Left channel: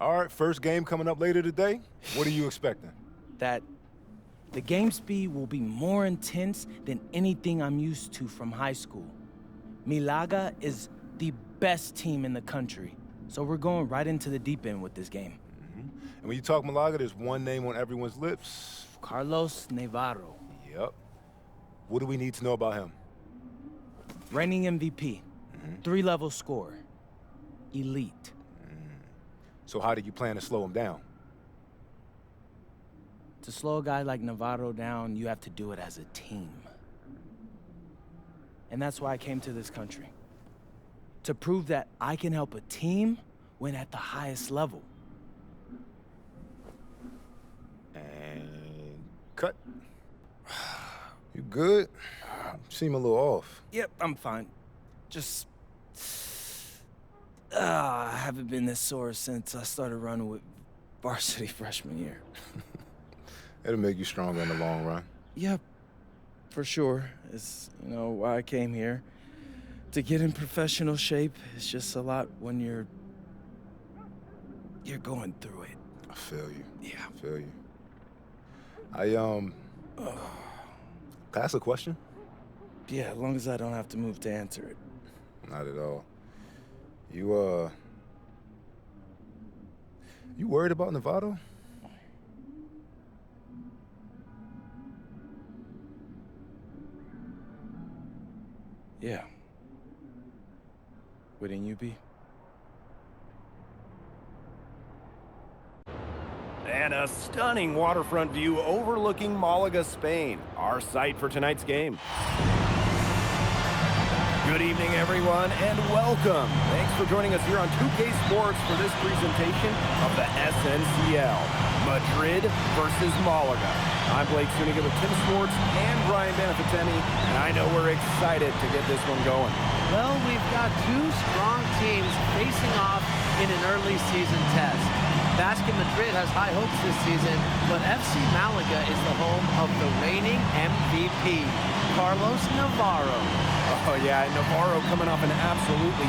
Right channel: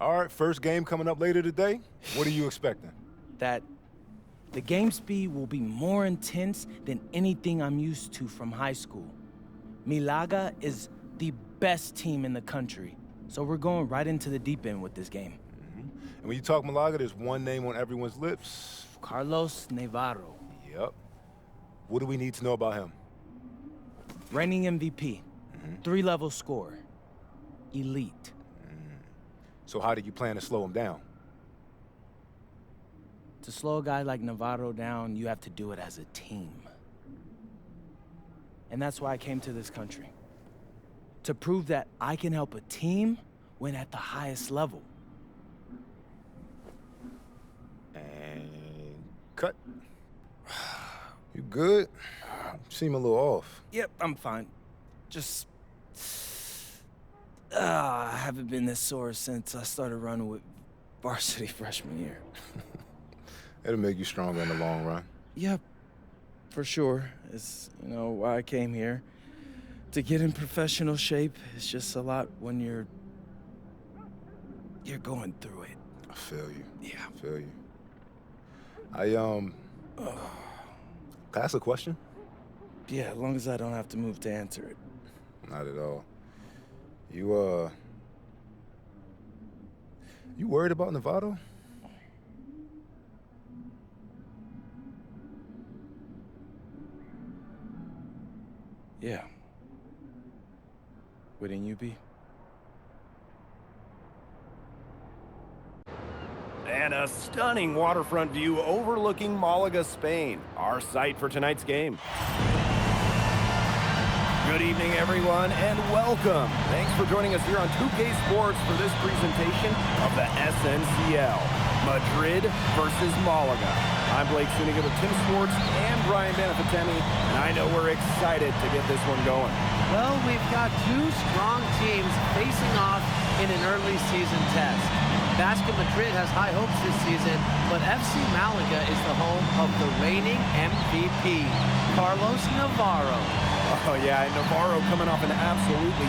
All right, first game coming up later today. What are you expecting? That the game speed will be more intense than anything I'm used to from high school. Malaga is the best team in the country, so we're going right into the deep end with this game. And when you talk Malaga, there's one name on everyone's lips. Carlos Navarro. Yep. What do we need to know about him? Reigning MVP. 3-level scorer. Elite. So how do you plan to slow him down? To slow a guy like Navarro down, you have to do it as a team. And that's why I came to this country. To prove that I can help a team win at the highest level. And cut. You good? You seem a little off. Yep, I'm fine. Just... I haven't been this sore since I started running with varsity freshman year. It'll make you stronger in the long run. Yep, for sure. It's, why I came here. To get in professional shape, it's just a lot when you're going through it. I feel you. Yeah. I feel you. Can I ask a question? Yeah, as long as I don't have to move to answer it. Not at all. You worried about Navarro? Yeah. Wouldn't you be? And a stunning waterfront view overlooking Malaga, Spain, our site for tonight's game. Good evening, everyone, and welcome. Thanks for joining us here on 2K Sports for this presentation of the SNCL, Madrid versus Malaga. I'm Blake Suniga with Tim Swartz and Brian Banafitemi, and I know we're excited to get this one going. Well, we've got two strong teams facing off in an early season test. Basket Madrid has high hopes this season, but FC Malaga is the home of the reigning MVP, Carlos Navarro. Oh yeah, and Navarro coming off an absolutely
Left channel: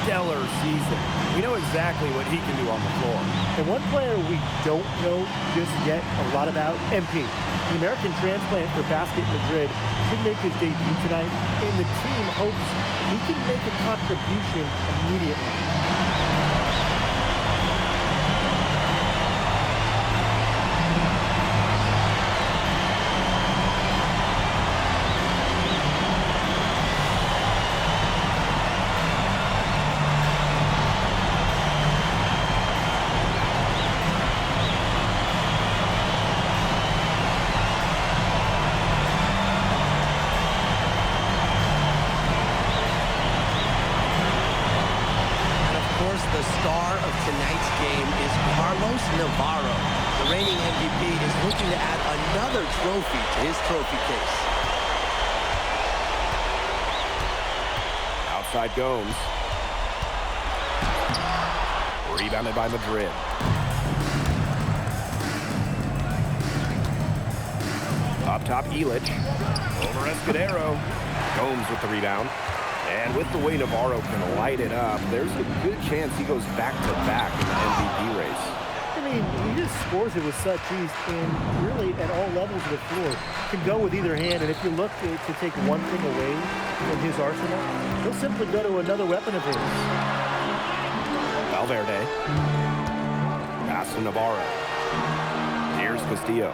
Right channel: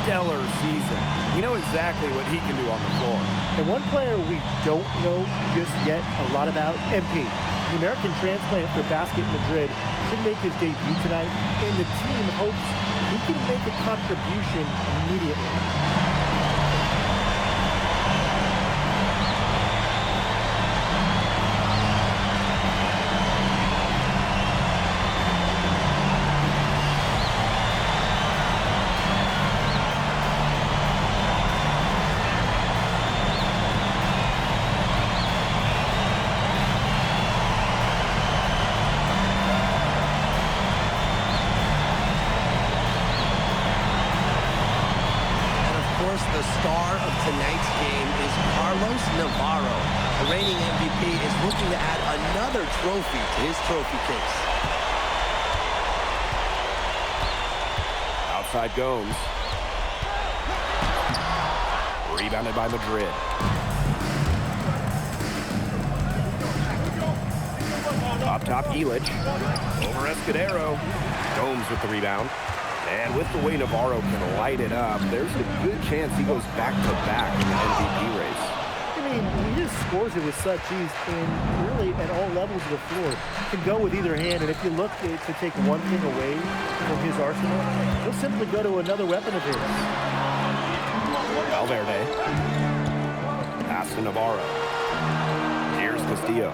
stellar season. We know exactly what he can do on the floor. And one player we don't know just yet a lot about, MP. The American transplant for Basket Madrid should make his debut tonight, and the team hopes he can make a contribution immediately. Of course, the star of tonight's game is Carlos Navarro. The reigning MVP is looking to add another trophy to his trophy case. Outside Gomes. Rebounded by Madrid. Up top, Illich. Over Escudero. Gomes with the rebound. And with the way Navarro can light it up, there's a good chance he goes back-to-back in the MVP race. I mean, he just scores it with such ease, and really at all levels of the floor. Can go with either hand, and if you look to take one thing away from his arsenal, he'll simply go to another weapon of his. Valverde. Pass to Navarro. Here's Castillo.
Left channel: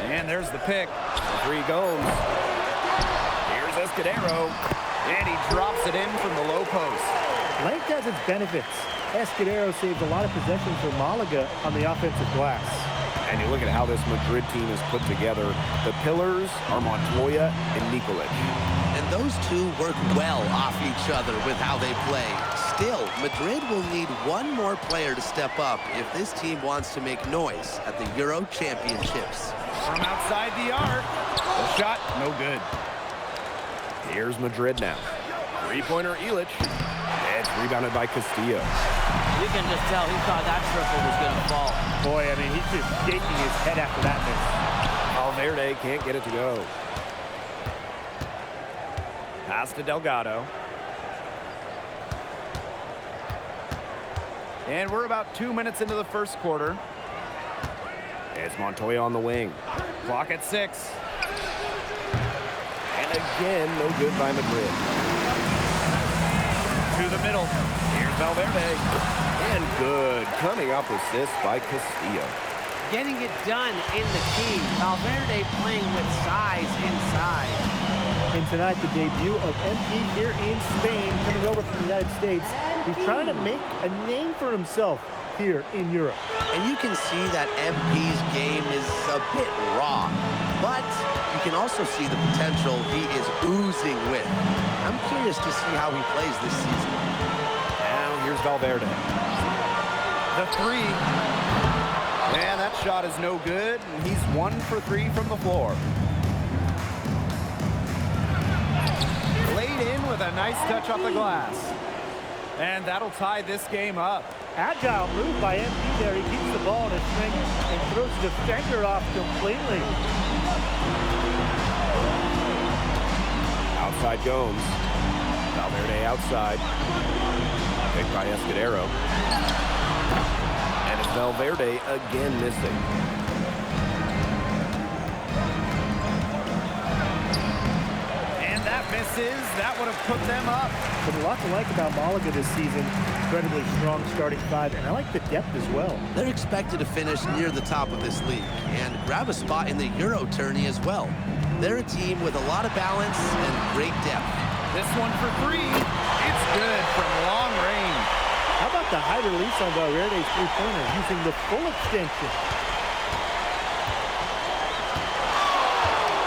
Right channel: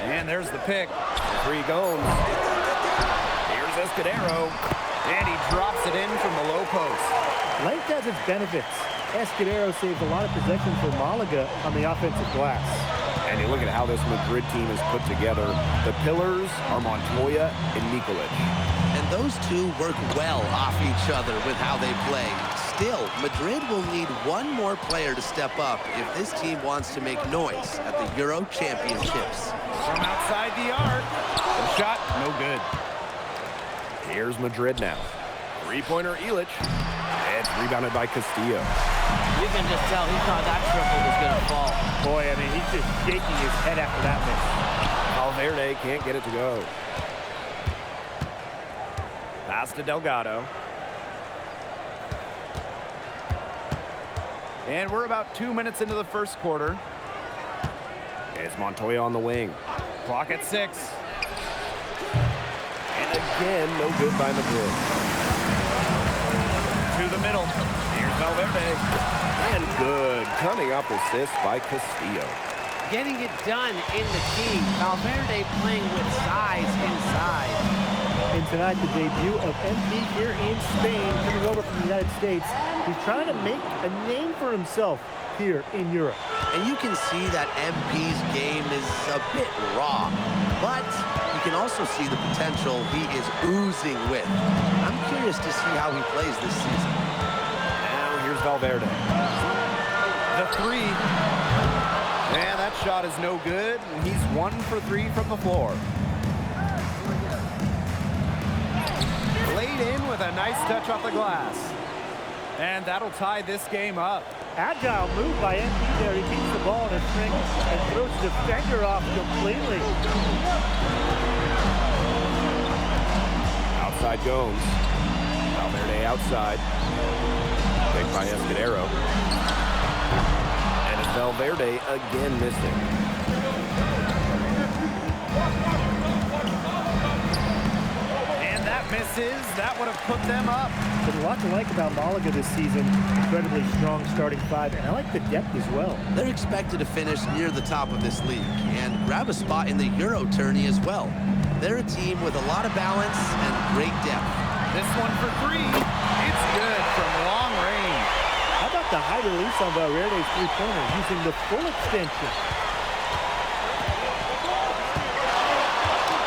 And there's the pick. The three Gomes. Here's Escudero. And he drops it in from the low post. Length has its benefits. Escudero saves a lot of possessions for Malaga on the offensive glass. And you look at how this Madrid team is put together. The pillars are Montoya and Nikolic. And those two work well off each other with how they play. Still, Madrid will need one more player to step up if this team wants to make noise at the Euro Championships. From outside the arc. The shot, no good. Here's Madrid now. Three-pointer Illich. It's rebounded by Castillo. You can just tell he thought that triple was going to fall. Boy, I mean, he's just shaking his head after that miss. Valverde can't get it to go. Pass to Delgado. And we're about 2 minutes into the first quarter. It's Montoya on the wing. Clock at 6. And again, no good by Madrid. To the middle. Here's Valverde. And good. Coming up assist by Castillo. Getting it done in the key. Valverde playing with size inside. And tonight, the debut of MP here in Spain, coming over from the United States. He's trying to make a name for himself here in Europe. And you can see that MP's game is a bit raw, but you can also see the potential he is oozing with. I'm curious to see how he plays this season. Now here's Valverde. The 3. And that shot is no good, and he's 1 for 3 from the floor. Laid in with a nice touch off the glass. And that'll tie this game up. Agile move by MP there. He keeps the ball in a string and throws the defender off completely. Outside Gomes. Valverde outside. Picked by Escudero. And it's Valverde again missing. And that misses. That would have put them up. There's a lot to like about Malaga this season. Incredibly strong starting 5, and I like the depth as well. They're expected to finish near the top of this league and grab a spot in the Euro tourney as well. They're a team with a lot of balance and great depth. This one for 3. It's good from long range. How about the high release on Valverde's three-pointer using the full extension?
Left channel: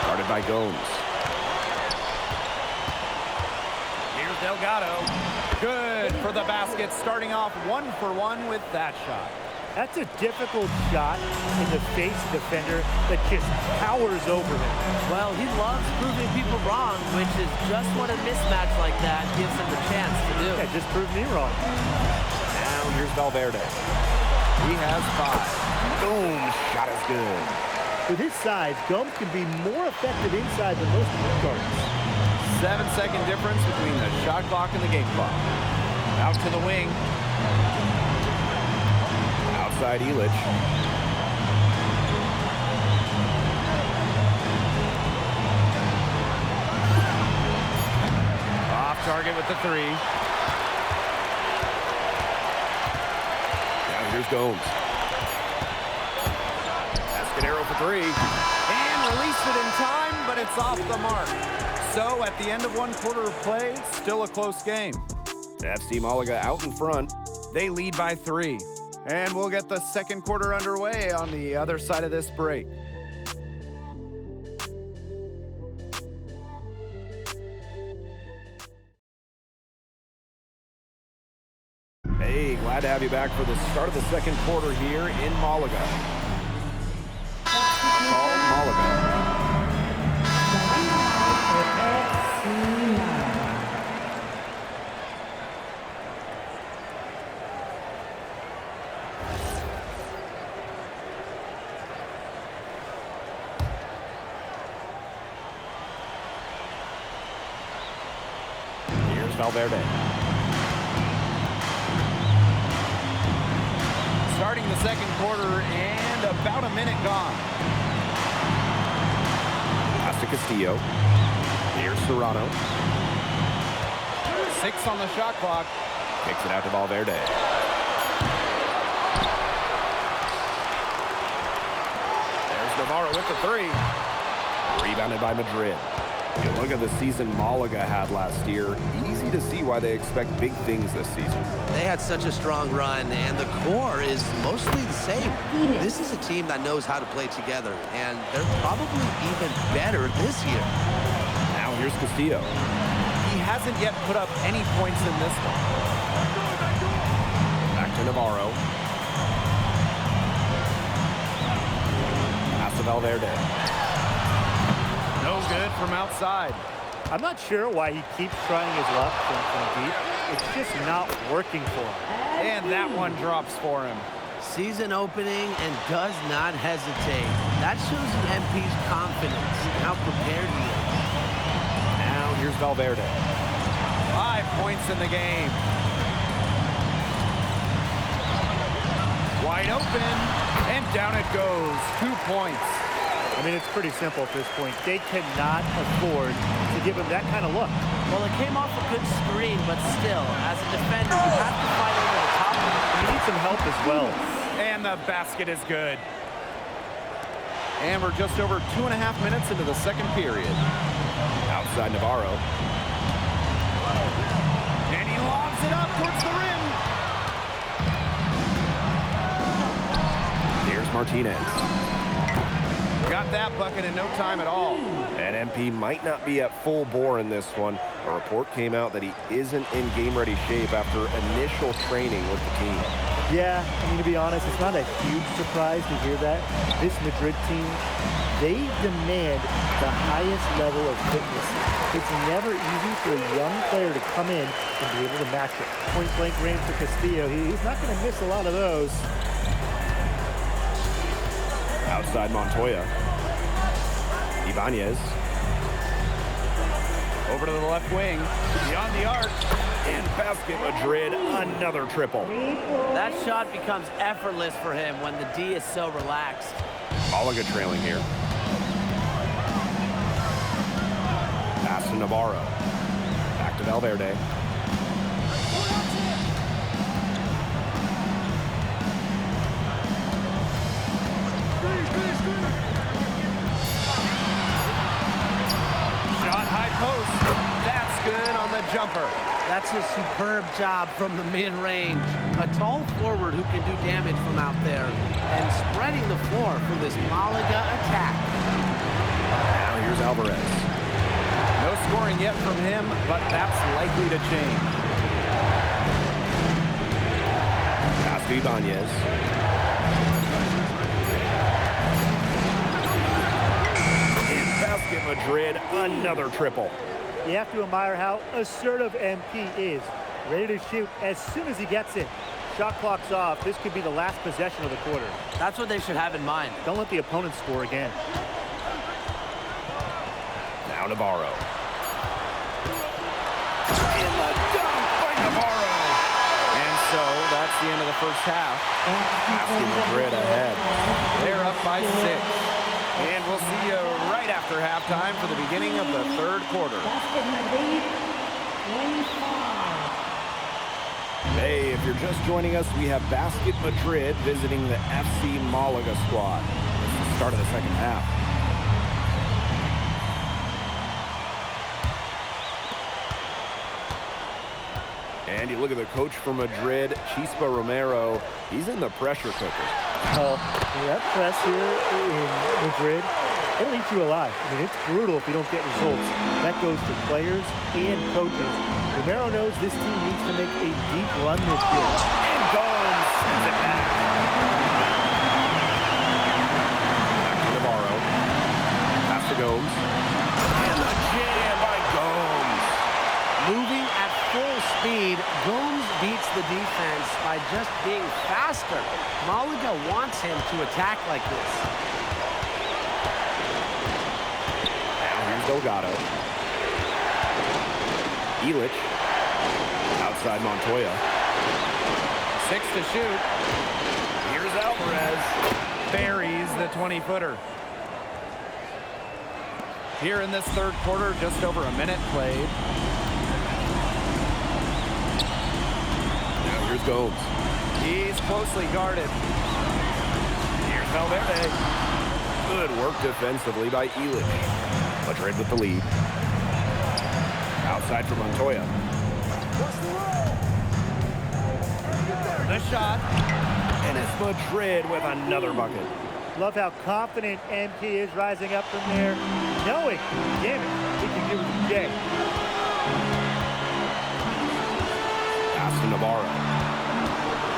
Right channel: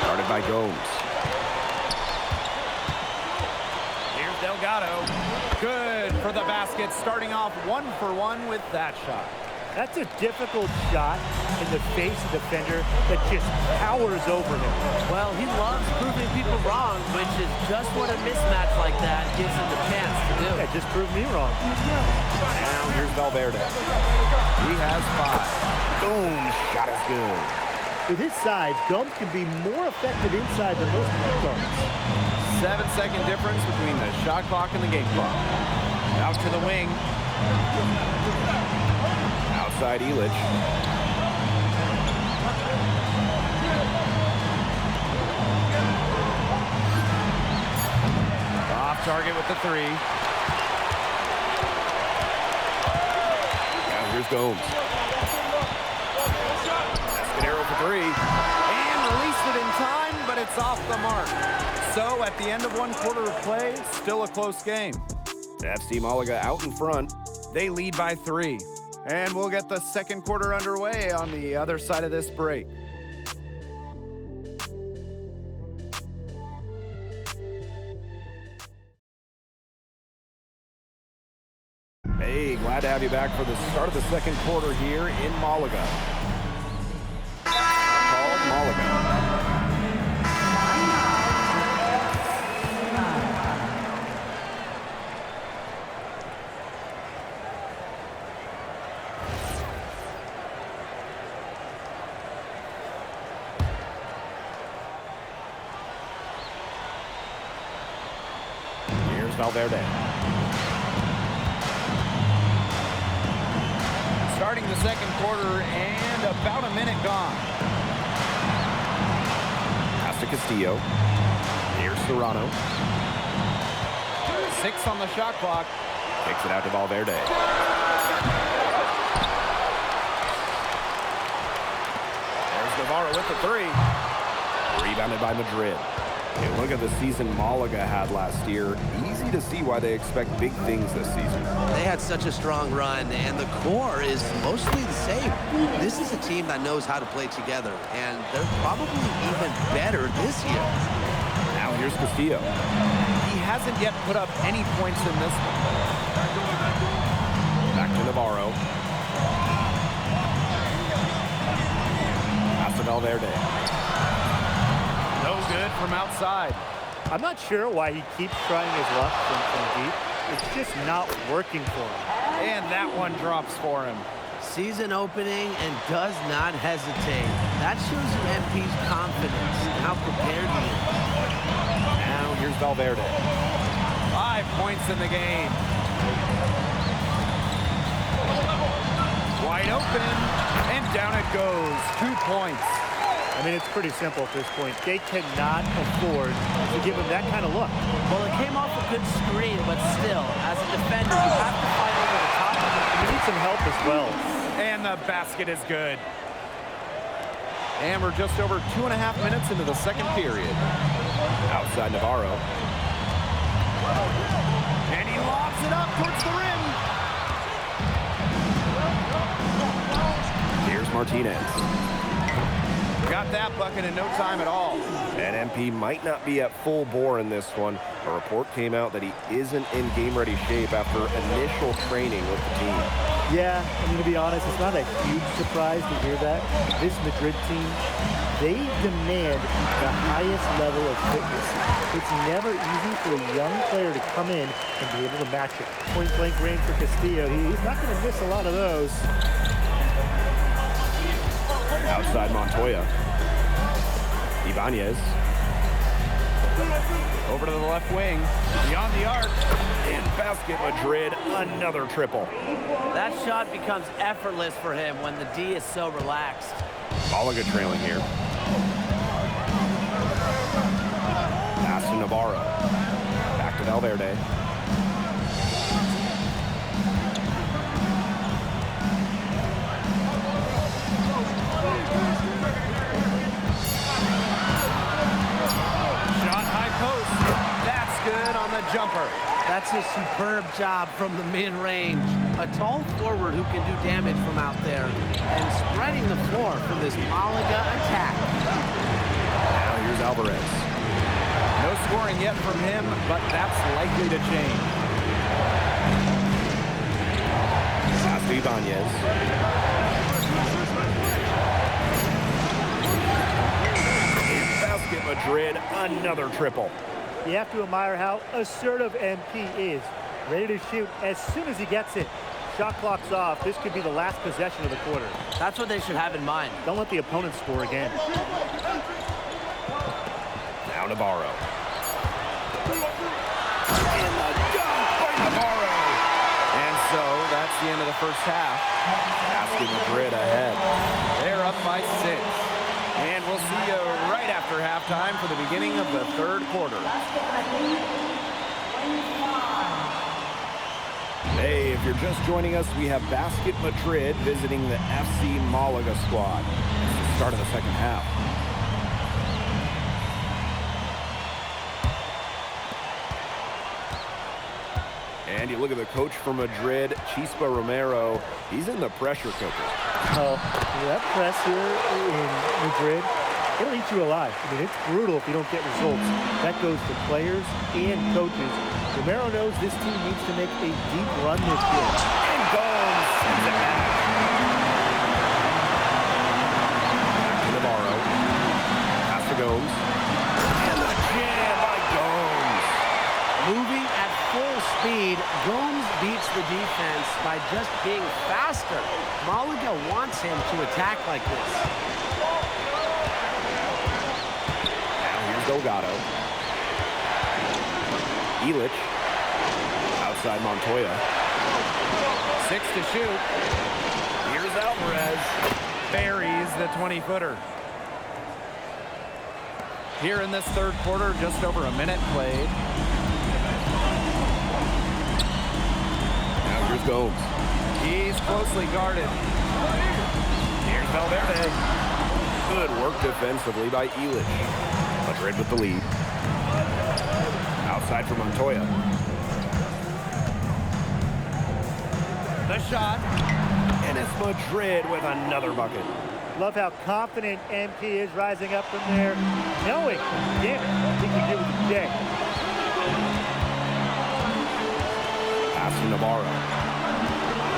Guarded by Gomes. Here's Delgado. Good for the basket, starting off 1 for 1 with that shot. That's a difficult shot in the face of the defender that just towers over him. Well, he loves proving people wrong, which is just what a mismatch like that gives him the chance to do. Yeah, just proved me wrong. Now here's Valverde. He has 5. Boom, shot is good. With his size, Gomes can be more effective inside than most point guards. 7-second difference between the shot clock and the game clock. Out to the wing. Outside Illich. Off target with the 3. Now here's Gomes. Escudero for 3. And released it in time, but it's off the mark. So at the end of 1 quarter of play, it's still a close game. FC Malaga out in front. They lead by 3. And we'll get the second quarter underway on the other side of this break. Hey, glad to have you back for the start of the second quarter here in Malaga. Called Malaga. Valverde. Starting the second quarter and about a minute gone. Pass to Castillo. Here's Serrano. 6 on the shot clock. Kicks it out to Valverde. There's Navarro with the 3. Rebounded by Madrid. Hey, look at the season Malaga had last year. Easy to see why they expect big things this season. They had such a strong run, and the core is mostly the same. This is a team that knows how to play together, and they're probably even better this year. Now here's Castillo. He hasn't yet put up any points in this one. Back to Navarro. Pass to Valverde. No good from outside. I'm not sure why he keeps trying his luck from deep. It's just not working for him. And that one drops for him. Season opening and does not hesitate. That shows you MP's confidence and how prepared he is. Now here's Valverde. 5 points in the game. Wide open, and down it goes. 2 points. I mean, it's pretty simple at this point. They cannot afford to give him that kind of look. Well, it came off a good screen, but still, as a defender, you have to fight over the top of it. And you need some help as well. And the basket is good. And we're just over 2.5 minutes into the second period. Outside Navarro. And he lobs it up towards the rim. Here's Martinez. Got that bucket in no time at all. And MP might not be at full bore in this one. A report came out that he isn't in game-ready shape after initial training with the team. Yeah, I mean, to be honest, it's not a huge surprise to hear that. This Madrid team, they demand the highest level of fitness. It's never easy for a young player to come in and be able to match it. Point-blank range for Castillo. He's not going to miss a lot of those. Outside Montoya. Ibanez. Over to the left wing. Beyond the arc. In basket Madrid. Another triple. That shot becomes effortless for him when the D is so relaxed. Malaga trailing here. Pass to Navarro. Back to Valverde. Shot high post. That's good on the jumper. That's a superb job from the mid-range. A tall forward who can do damage from out there and spreading the floor for this Malaga attack. Now here's Alvarez. No scoring yet from him, but that's likely to change. Pass to Ibanez. In basket Madrid, another triple. You have to admire how assertive MP is. Ready to shoot as soon as he gets it. Shot clock's off. This could be the last possession of the quarter. That's what they should have in mind. Don't let the opponent score again. Now Navarro. In the dunk by Navarro. And so that's the end of the first half. Basket Madrid ahead. They're up by 6. And we'll see you right after halftime for the beginning of the third quarter. Basket Madrid, 25. Hey, if you're just joining us, we have Basket Madrid visiting the FC Malaga squad. It's the start of the second half. And you look at the coach for Madrid, Chispa Romero. He's in the pressure cooker. Oh, that press here in Madrid, it'll eat you alive. I mean, it's brutal if you don't get results. That goes to players and coaches. Romero knows this team needs to make a deep run this year. And Gomes sends it back. Back to Navarro. Pass to Gomes. And the jam by Gomes. Moving at full speed, Gomes beats the defense by just being faster. Malaga wants him to attack like this. Now here's Delgado. Illich. Outside Montoya. 6 to shoot. Here's Alvarez. Buries the 20-footer. Here in this third quarter, just over a minute played. Now here's Gomes. He's closely guarded. Here's Valverde. Good work defensively by Illich. Madrid with the lead. Outside for Montoya. The shot. And it's Madrid with another bucket. Love how confident MP is rising up from there, knowing, damn it, he can do with the J. Pass to Navarro.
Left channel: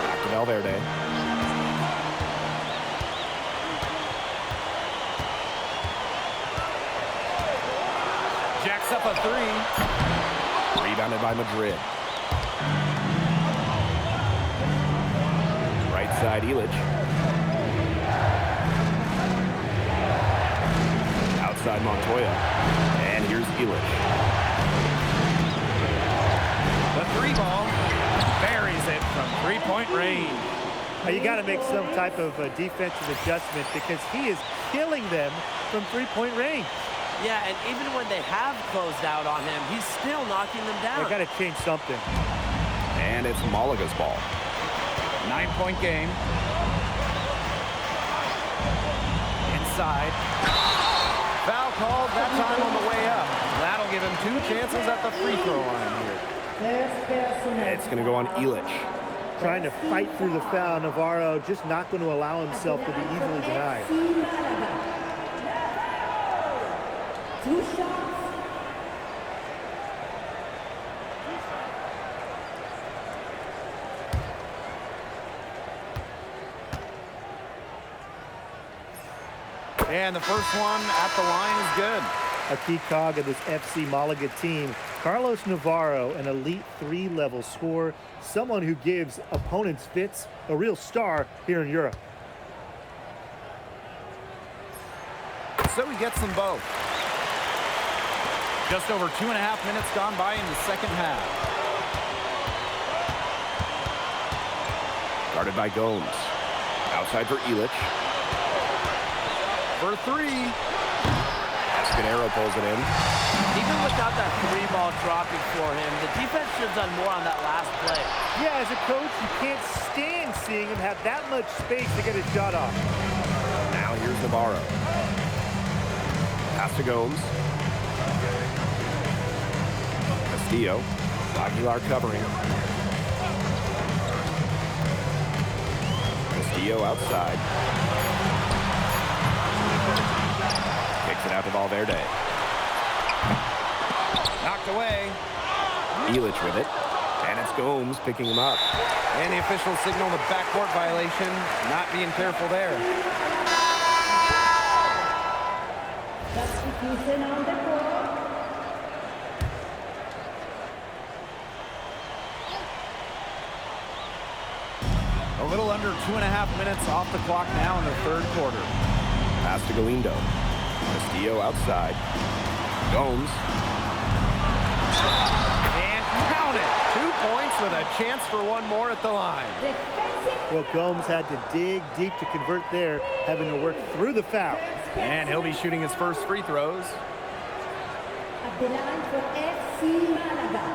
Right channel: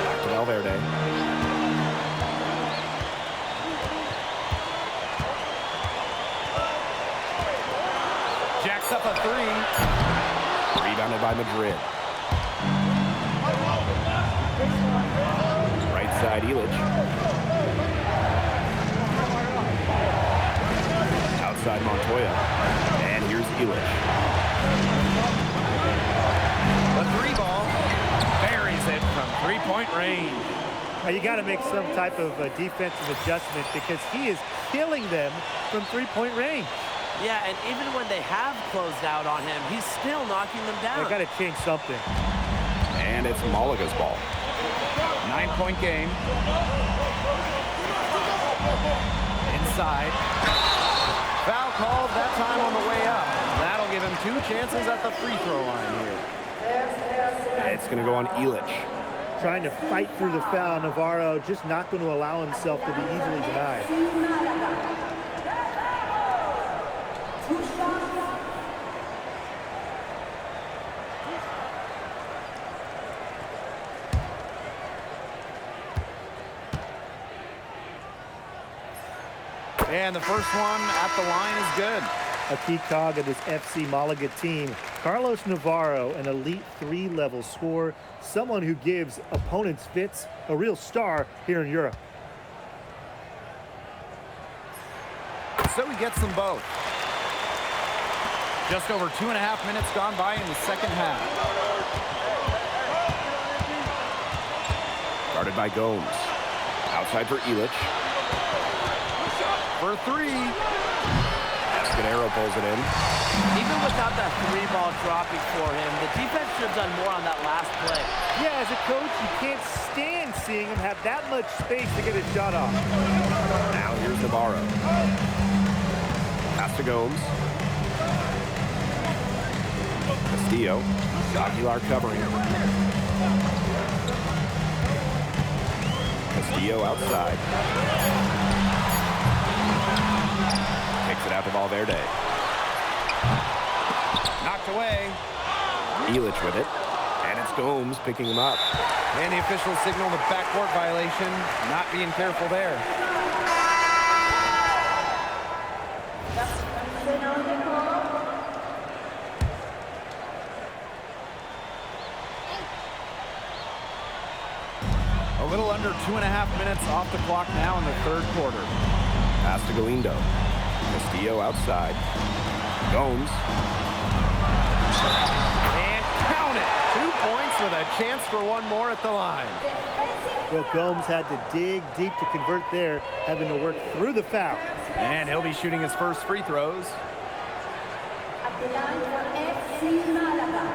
Back to Valverde. Jacks up a 3. Rebounded by Madrid. Right side, Illich. Outside Montoya. And here's Illich. The 3 ball buries it from 3-point range. Now, you got to make some type of defensive adjustment because he is killing them from three-point range. Yeah, and even when they have closed out on him, he's still knocking them down. They got to change something. And it's Malaga's ball. 9-point game. Inside. Foul called that time on the way up. That'll give him 2 chances at the free throw line here. It's going to go on Illich. Trying to fight through the foul. Navarro just not going to allow himself to be easily denied. 2 shots. And the first one at the line is good. A key cog of this FC Malaga team, Carlos Navarro, an elite 3-level scorer, someone who gives opponents fits, a real star here in Europe. So he gets them both. Just over 2.5 minutes gone by in the second half. Guarded by Gomes. Outside for Illich. For 3. Escudero pulls it in. Even without that 3-ball dropping for him, the defense should have done more on that last play. Yeah, as a coach, you can't stand seeing him have that much space to get his shot off. Now here's Navarro. Pass to Gomes. Castillo. Aguilar covering. Castillo outside. Kicks it out to Valverde. Knocked away. Illich with it. And it's Gomes picking him up. And the officials signal the backcourt violation. Not being careful there. Substitution on the court. A little under 2.5 minutes off the clock now in the third quarter. Pass to Galindo. Castillo outside. Gomes. And count it. 2 points with a chance for one more at the line. Well, Gomes had to dig deep to convert there, having to work through the foul. And he'll be shooting his first free throws. At the line for FC Malaga.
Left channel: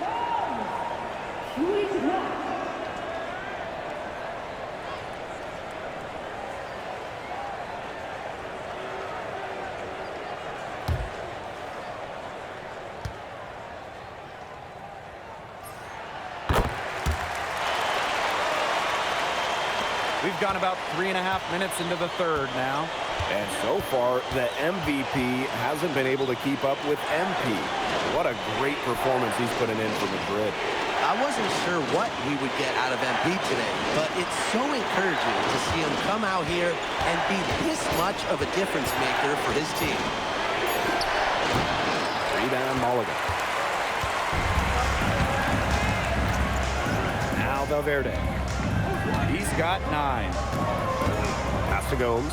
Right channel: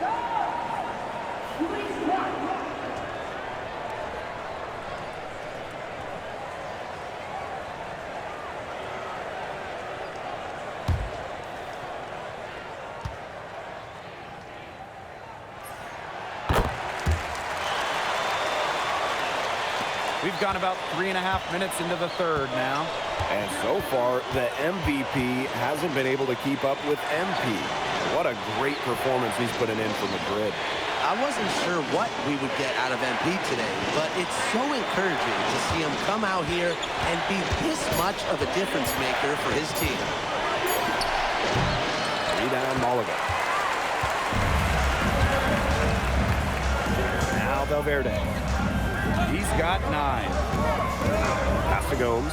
Gomes. Shooting 1. We've gone about 3.5 minutes into the third now. And so far, the MVP hasn't been able to keep up with MP. What a great performance he's putting in for Madrid. I wasn't sure what we would get out of MP today, but it's so encouraging to see him come out here and be this much of a difference maker for his team. Rebound Malaga. Now Valverde. He's got 9. Pass to Gomes.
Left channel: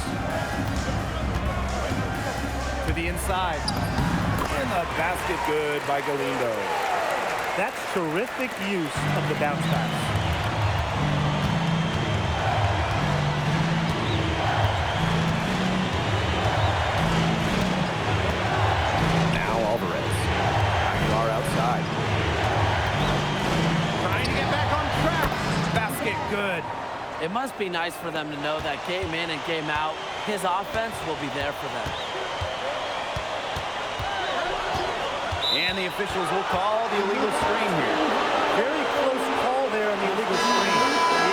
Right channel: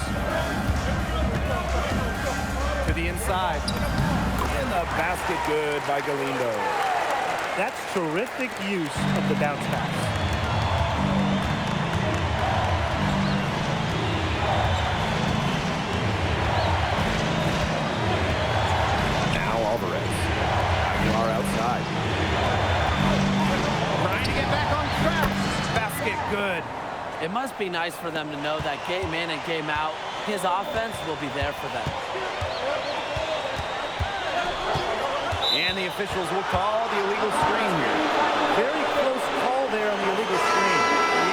To the inside. And the basket good by Galindo. That's terrific use of the bounce pass. Now Alvarez. Aguilar outside. Trying to get back on track. Basket good. It must be nice for them to know that game in and game out, his offense will be there for them. And the officials will call the illegal screen here. Very close call there on the illegal screen.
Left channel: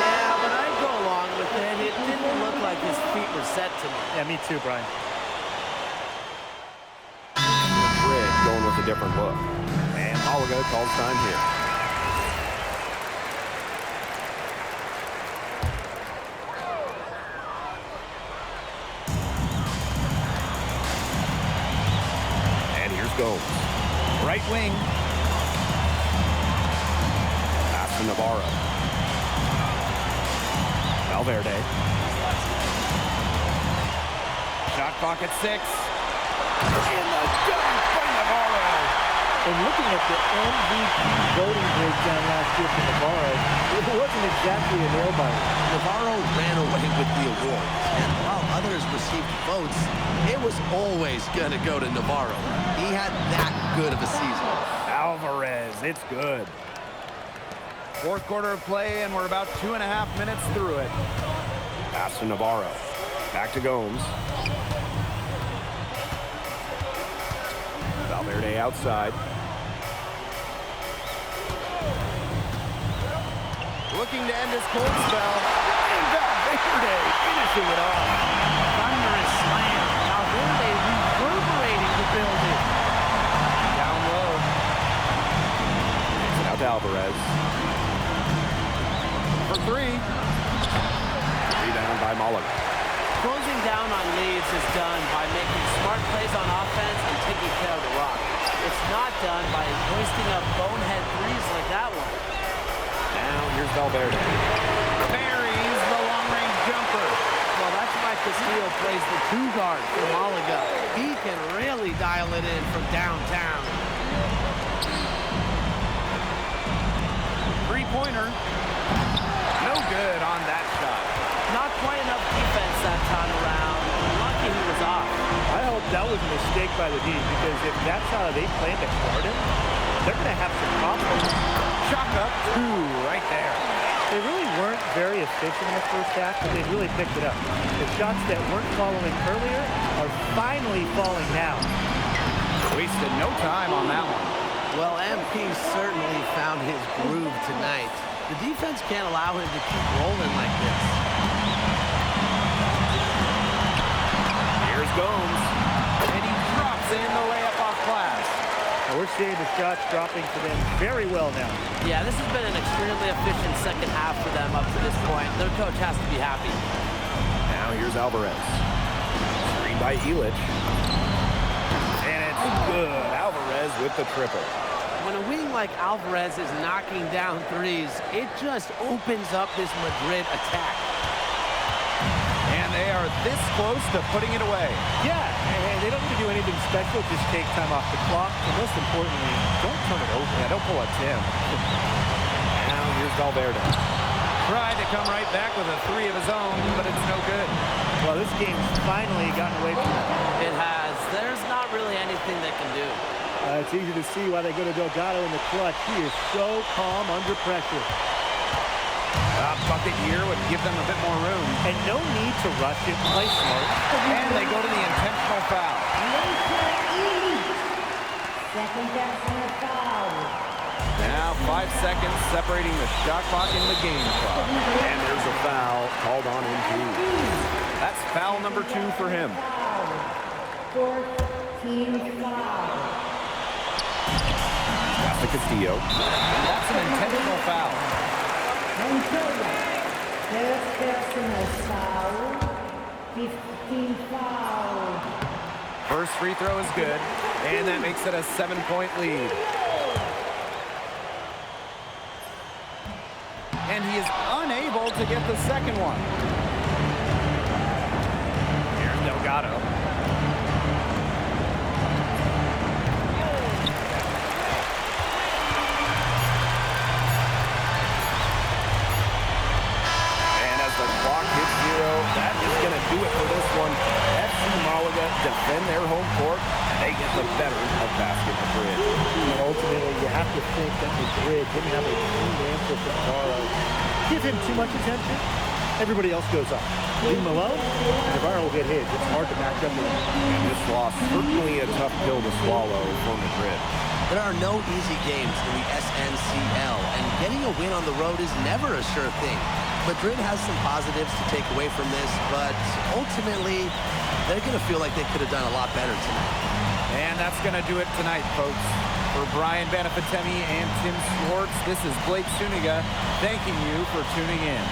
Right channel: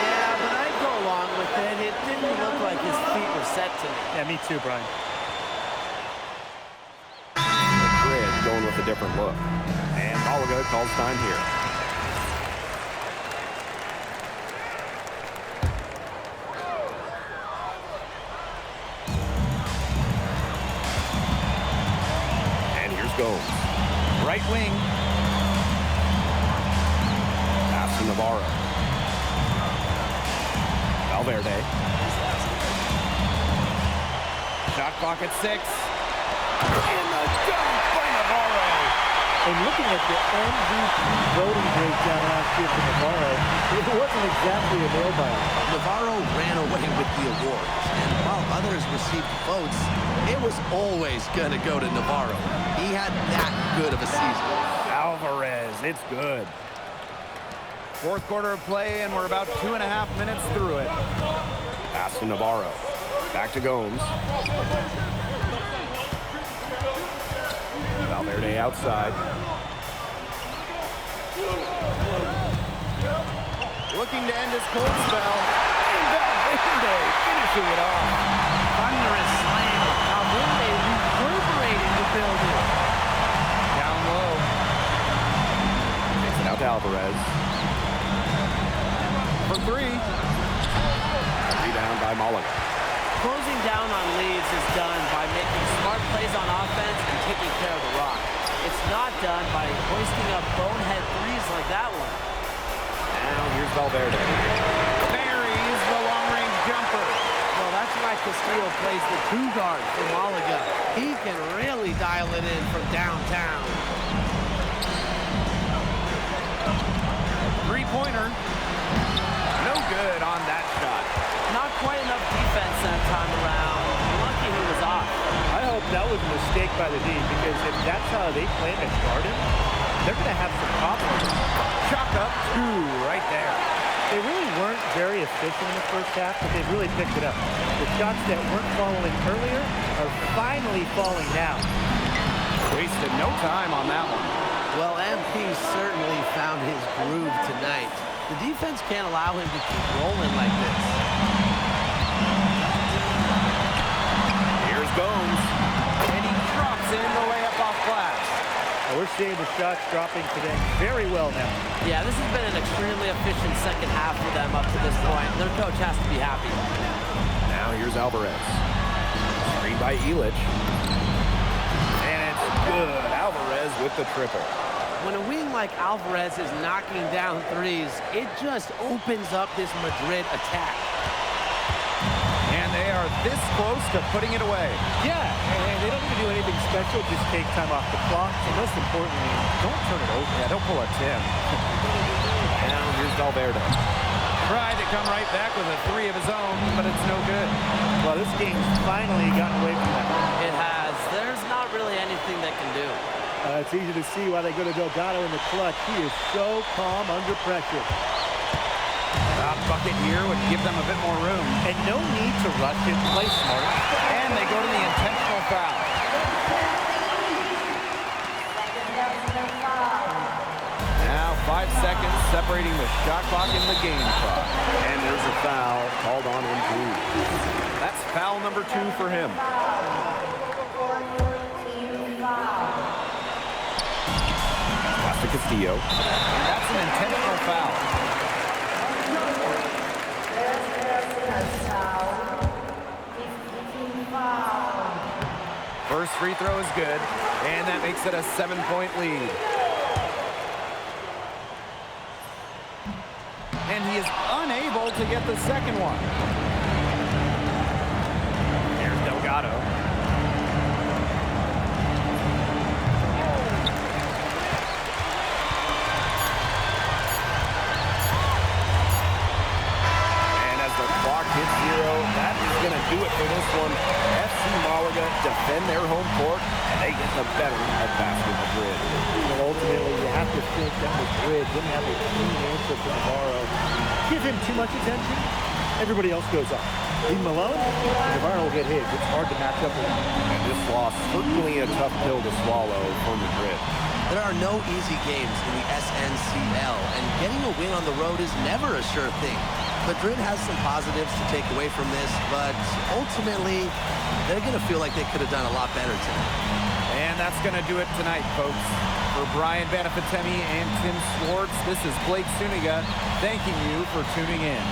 Yeah, but I'd go along with it. It didn't look like his feet were set to me. Yeah, me too, Brian. Madrid going with a different look. And Malaga calls time here. And here's Gomes. Right wing. Pass to Navarro. Valverde. Shot clock at 6. And the dunk by Navarro. And looking at the MVP voting breakdown last year for Navarro, it wasn't exactly a nail-biter. Navarro ran away with the awards, and while others received votes, it was always going to go to Navarro. He had that good of a season. Alvarez, it's good. Fourth quarter of play, and we're about 2.5 minutes through it. Pass to Navarro. Back to Gomes. Valverde outside. Looking to end his cold spell. And Valverde finishing it off. Thunderous slam. Valverde reverberating the building. Down low. Takes it out to Alvarez. For three. Rebound by Malaga. Closing down on leads is done by making smart plays on offense and taking care of the rock. It's not done by hoisting up bonehead threes like that one. Now here's Valverde. Buries the long-range jumper. Well, that's why Castillo plays the 2-guard for Malaga. He can really dial it in from downtown. Three-pointer. No good on that shot. Not quite enough defense that time around. Lucky he was off. I hope that was a mistake by the D, because if that's how they plan to guard him, they're going to have some problems. Chalk up 2 right there. They really weren't very efficient in the first half, but they've really picked it up. The shots that weren't falling earlier are finally falling now. Wasted no time on that one. Well, MP certainly found his groove tonight. The defense can't allow him to keep rolling like this. Here's Gomes. And he drops in the layup off glass. Now we're seeing the shots dropping for them very well now. Yeah, this has been an extremely efficient second half for them up to this point. Their coach has to be happy. Now here's Alvarez. Screen by Illich. And it's good. Alvarez with the triple. When a wing like Alvarez is knocking down threes, it just opens up this Madrid attack. And they are this close to putting it away. Yeah, and they don't need to do anything special. Just take time off the clock. And most importantly, don't turn it over. Yeah, don't pull a Tim. Now here's Valverde. Tried to come right back with a 3 of his own, but it's no good. Well, this game's finally gotten away from them. It has. There's not really anything they can do. It's easy to see why they go to Delgado in the clutch. He is so calm under pressure. A bucket here would give them a bit more room. And no need to rush it. Play smart. And they go to the intentional foul. Second personal foul. Now 5 seconds separating the shot clock and the game clock. And there's a foul called on MP. That's foul number 2 for him. Team foul. Pass to Castillo. And that's an intentional foul. Montoya. First personal foul. 15 foul. First free throw is good, and that makes it a 7-point lead. And he is unable to get the second one. Here's Delgado. As the clock hits 0, that is going to do it for this one. FC Malaga defend their home court, and they get the better of Basket Madrid. And ultimately, you have to think that Madrid didn't have a clean answer for Navarro. Give him too much attention, everybody else goes off. Leave him alone, and Navarro will get his. It's hard to match up with him. And this loss, certainly a tough pill to swallow for Madrid. There are no easy games in the SNCL, and getting a win on the road is never a sure thing. Madrid has some positives to take away from this, but ultimately, they're going to feel like they could have done a lot better tonight. And that's going to do it tonight, folks. For Brian Banafitemi and Tim Swartz, this is Blake Suniga thanking you for tuning in.